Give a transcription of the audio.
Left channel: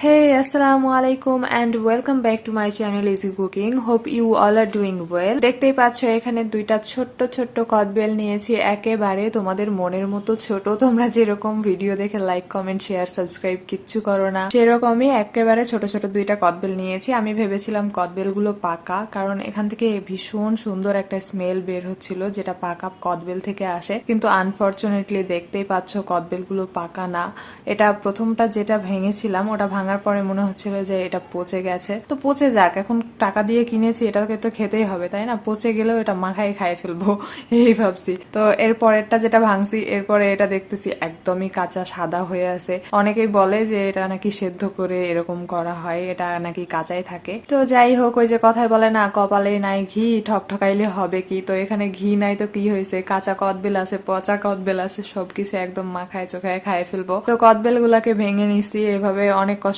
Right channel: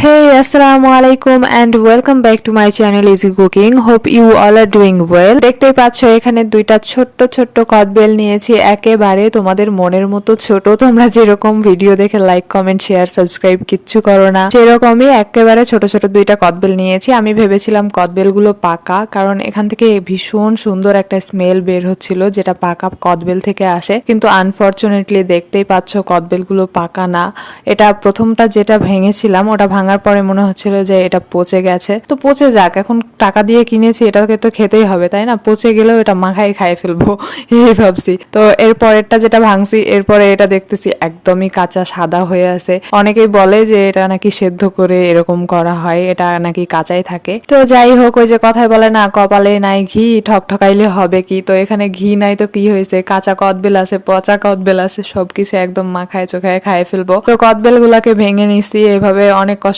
Hey, assalamu alaikum and welcome back to my channel Easy Cooking. Hope you all are doing well. দেখতেই পাচ্ছ এখানে দুইটা ছোট্ট ছোট্ট কদবেল নিয়েছি, একেবারে তোমাদের মনের মতো ছোট। তোমরা যেরকম ভিডিও দেখে লাইক কমেন্ট শেয়ার সাবস্ক্রাইব কিচ্ছু করো না, সেরকমই একেবারে ছোট ছোট দুইটা কদবেল নিয়েছি। আমি ভেবেছিলাম কদবেলগুলো পাকা, কারণ এখান থেকে ভীষণ সুন্দর একটা স্মেল বের হচ্ছিল যেটা পাকা কদবেল থেকে আসে, কিন্তু আনফরচুনেটলি দেখতেই পাচ্ছ কদবেলগুলো পাকা না। এটা প্রথমটা যেটা ভেঙেছিলাম ওটা ভাঙার পরে মনে হচ্ছিল যে এটা পচে গেছে, তো পচে যাক, এখন টাকা দিয়ে কিনেছি এটাকে তো খেতেই হবে তাই না, পচে গেলেও এটা মাখাই খাই ফেলবো এই ভাবছি। তো এর পরেরটা যেটা ভাঙছি এরপরে এটা দেখতেছি একদমই কাঁচা সাদা হয়ে আছে। অনেকেই বলে যে এটা নাকি সেদ্ধ করে এরকম করা হয়, এটা নাকি কাঁচাই থাকে। তো যাই হোক, ওই যে কথায় বলে না, কপালে নাই ঘি ঠক ঠকাইলে হবে কি, তো এখানে ঘি নাই তো কি হয়েছে, কাঁচা কদবেল আছে পচা কদবেল আছে, সবকিছু একদম মাখায় চোখায় খায় ফেলবো। তো কদবেল গুলাকে ভেঙে নিছি এভাবে, অনেক কষ্ট